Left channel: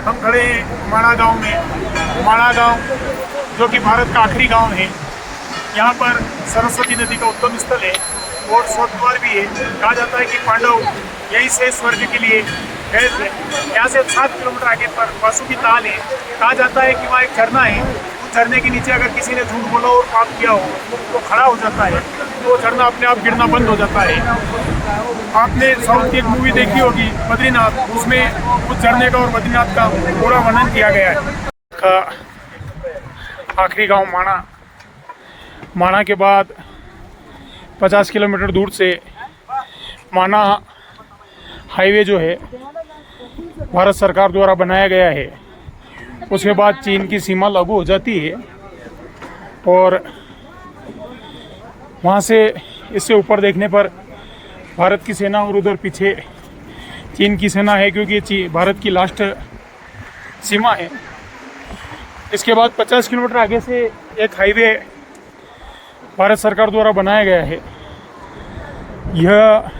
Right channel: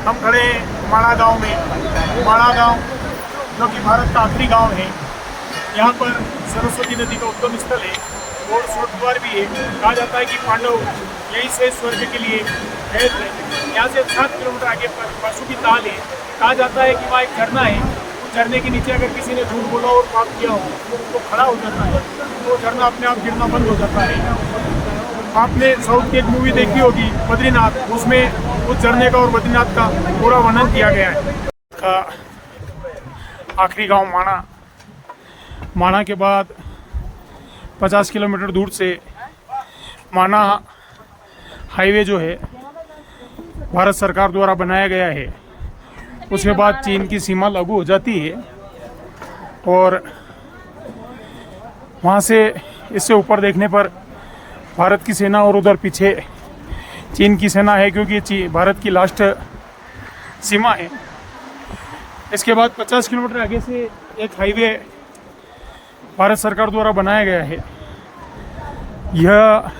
हम खड़े हैं माणा गांव में। माणा गांव जो कि भारत का आखिरी गांव है। यहाँ पर सरस्वती नदी का उद्गम स्थल है और स्वर्ग द्वार भी है। कहा जाता है कि पांडव यहीं से स्वर्ग के लिए गए थे। यहाँ से 7 किलोमीटर आगे पर वासुकी ताल है। कहा जाता है कि वहाँ एक झरना है। उस झरने के नीचे अगर किसी ने झूठ बोला और पाप किया हो तो खड़ा हो जाता है, तो झरना अपने आप गिरना बंद हो जाता है। आपने साउथ की एक मूवी देखी होगी बद्रीनाथ, उसमें उस झरने का और बद्रीनाथ का पूरा वर्णन किया गया है। का आखिरी गांव माणा। माणा के बाद 50 किलोमीटर दूर से माणा हाईवे जो है भारत सरकार द्वारा बनाया गया है। उसके बाद चीन की सीमा लागू हो जाती है और वहाँ से इससे ऊपर देखने पर भारत की सेना और उधर पीछे चीन की सेना है, क्योंकि भारत की लास्ट सीमा है। इसके बाद 50 किलोमीटर आगे से एक हाईवे भारत सरकार द्वारा बनाया गया है। यह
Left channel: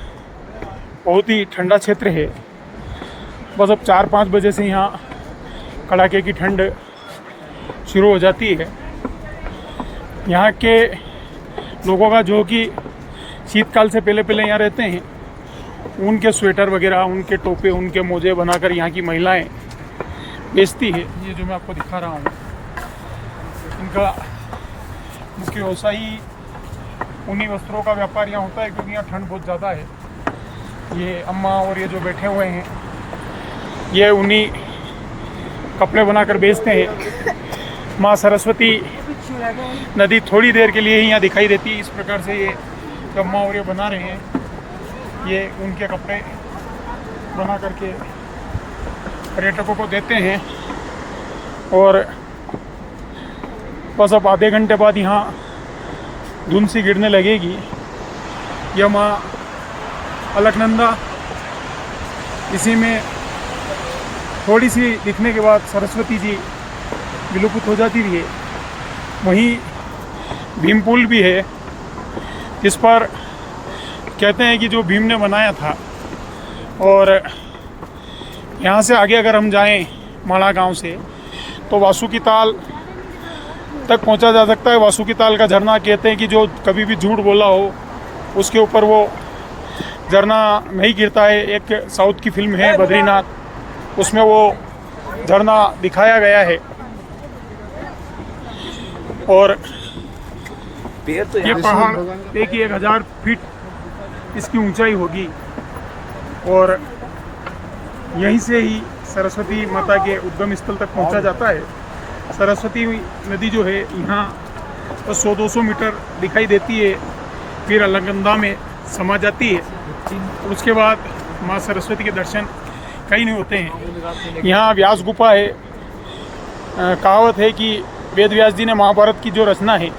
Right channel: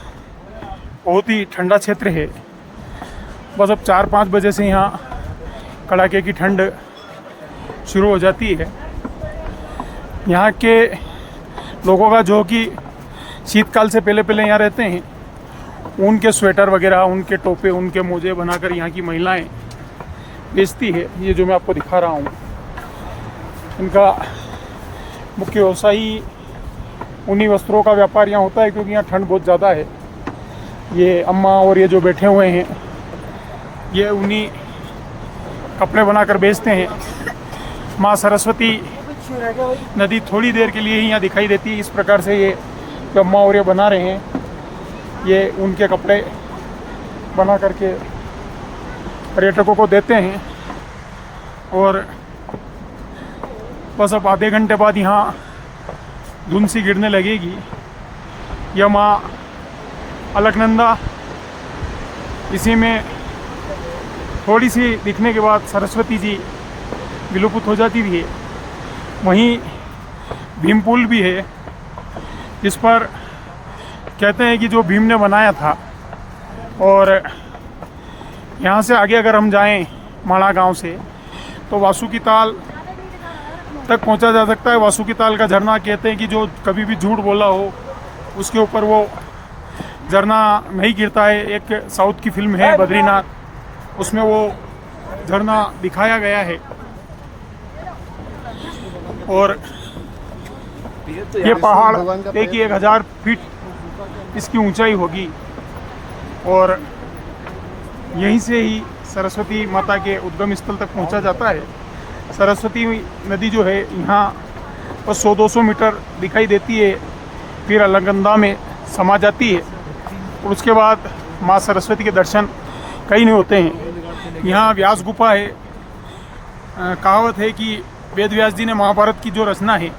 बहुत ही ठंडा क्षेत्र है। बस अब 4-5 बजे से यहाँ कड़ाके की ठंड शुरू हो जाती है। यहाँ के लोगों का जो कि शीतकाल से पहले पहले यहाँ रहते हैं, उनके स्वेटर वगैरह, उनके टोपे, उनके मोजे बनाकर यहाँ की महिलाएं बेचती है। ये जो मैं आपको दिखा रहा हूँ, इनका मुख्य व्यवसाय ही उन्हीं वस्त्रों का व्यापार यहाँ होता है, क्योंकि यहाँ ठंड बहुत ज़्यादा है। ये अम्मा और ये जो बैठे हुए हैं, ये उन्हीं कपड़े बनाकर बेचते हैं। माँ सरस्वती नदी थोड़ी देर के लिए ही यहाँ दिखाई देती है। इस प्रकार से ये जो अम्मा और ये बना रहे हैं, ये उनके कपड़े बना करके पर्यटकों को देते हैं। और बस अब आधे घंटे बाद यहाँ धुंध सी गिरने लगेगी। यह माँ अलकनंदा, इसी में थोड़ी सी दिखने के बाद सरस्वती जी विलुप्त हो जाती है। वहीं भीम पुल भी है, जिस पर कहते हैं कि जो भीम ने बनाया था। और यहाँ से आगे अगर हम जाएं माणा गांव से, तो वासुकी ताल तक पहुँचा जा सकता है। वासुकी ताल का झरना कहते हैं कि जो कभी भी झूठ बोला हो उसके ऊपर वो झरना नहीं गिरता है। एक साउथ की फिल्म है बद्रीनाथ, उसमें वो झरना दिखाया गया है। और ये पहाड़ देखिए 1000 फीट इसकी ऊंचाई होगी। और यहीं से ही सरस्वती माता के उद्गम स्थल तक पहुंचा जाता है। सरस्वती नदी जो है यहाँ बस 100-200 मीटर दिखाई देती है, फिर अलकनंदा में समा जाती है। और उसके बाद माँ सरस्वती के दर्शन कहीं नहीं होते हैं। यहाँ व्यास गुफा है। कहावत है कि वेद व्यास जी ने महाभारत की जो रचना है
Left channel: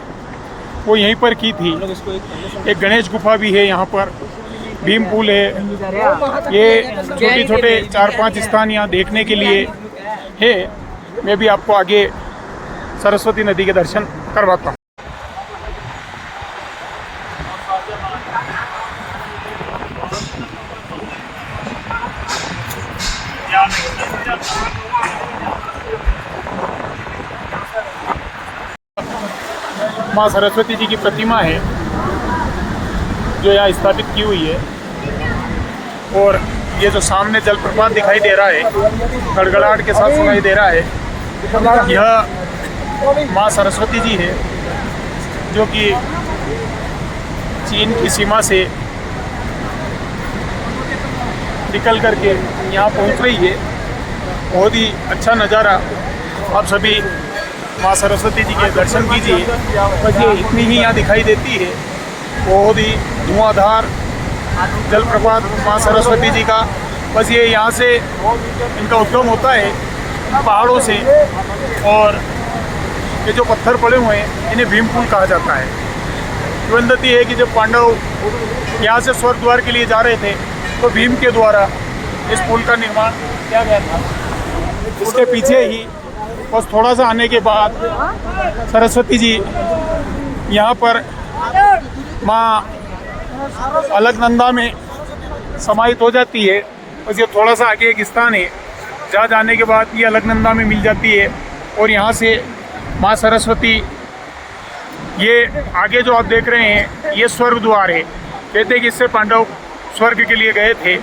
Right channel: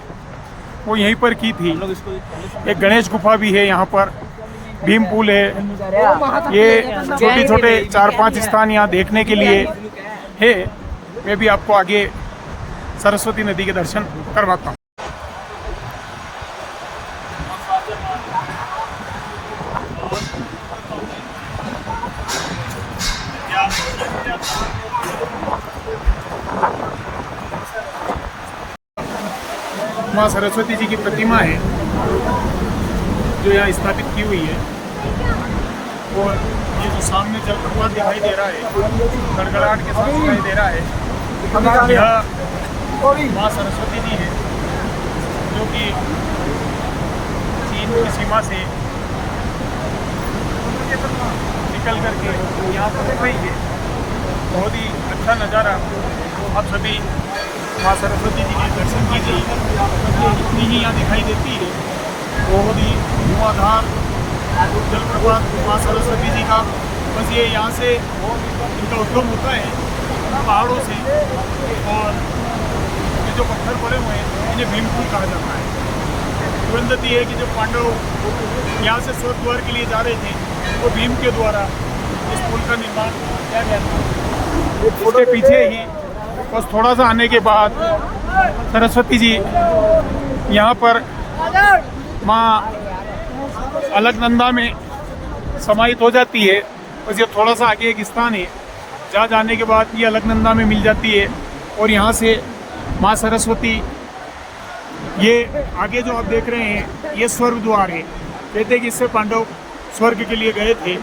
वो यहीं पर की थी। एक गणेश गुफा भी है यहाँ पर, भीम पुल है। ये छोटे छोटे 4-5 स्थान यहाँ देखने के लिए है। मैं भी आपको आगे सरस्वती नदी के दर्शन करवाता हूँ। माँ सरस्वती जी की प्रतिमा है जो यहाँ स्थापित की हुई है। और ये जो सामने जलप्रपात दिखाई दे रहा है, गड़गड़ाहट के साथ दिखाई दे रहा है, यह माँ सरस्वती जी है जो कि चीन की सीमा से निकल करके यहाँ पहुँच रही है। बहुत ही अच्छा नज़ारा। आप सभी माँ सरस्वती जी के दर्शन कीजिए। इतनी ही यहाँ दिखाई देती है। बहुत ही धुआंधार जलप्रपात माँ सरस्वती जी का। बस ये यहाँ से इनका उद्गम होता है पहाड़ों से। और ये जो पत्थर पड़े हुए हैं इन्हें भीम पुल कहा जाता है। किंवदंती है कि जब पांडव यहाँ से स्वर्ग द्वार के लिए जा रहे थे तो भीम के द्वारा इस पुल का निर्माण किया गया था। इसके पीछे ही बस थोड़ा सा आने के बाद सरस्वती जी यहाँ पर माँ अलकनंदा में समाहित हो जाती है। बस ये थोड़ा सा आगे एक स्थान है जहाँ जाने के बाद ये अलकनंदा में मिल जाती है। और यहाँ से माँ सरस्वती, ये आगे जो आप देख रहे हैं ये स्वर्ग द्वार है। कहते हैं कि इससे पांडव स्वर्ग के लिए गए थे।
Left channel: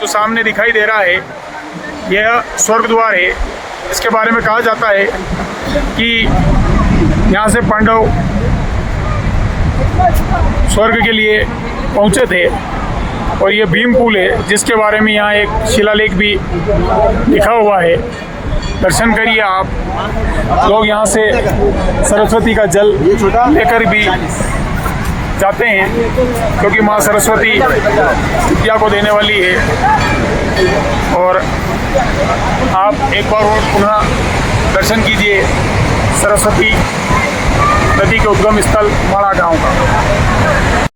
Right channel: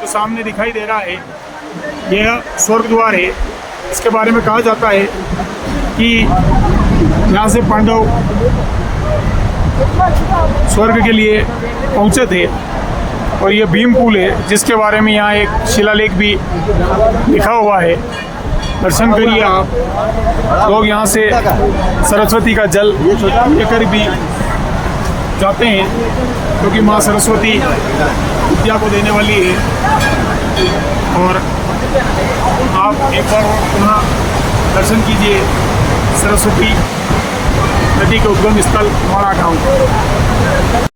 जो सामने दिखाई दे रहा है यह स्वर्ग द्वार है। इसके बारे में कहा जाता है कि यहाँ से पांडव स्वर्ग के लिए पहुँचे थे। और ये भीम पुल है जिसके बारे में यहाँ एक शिलालेख भी लिखा हुआ है। दर्शन करिए आप। लोग यहाँ से सरस्वती का जल लेकर भी जाते हैं क्योंकि माँ सरस्वती विद्या को देने वाली है। और आप एक बार पुनः दर्शन कीजिए सरस्वती नदी के उद्गम स्थल माड़ा गांव का।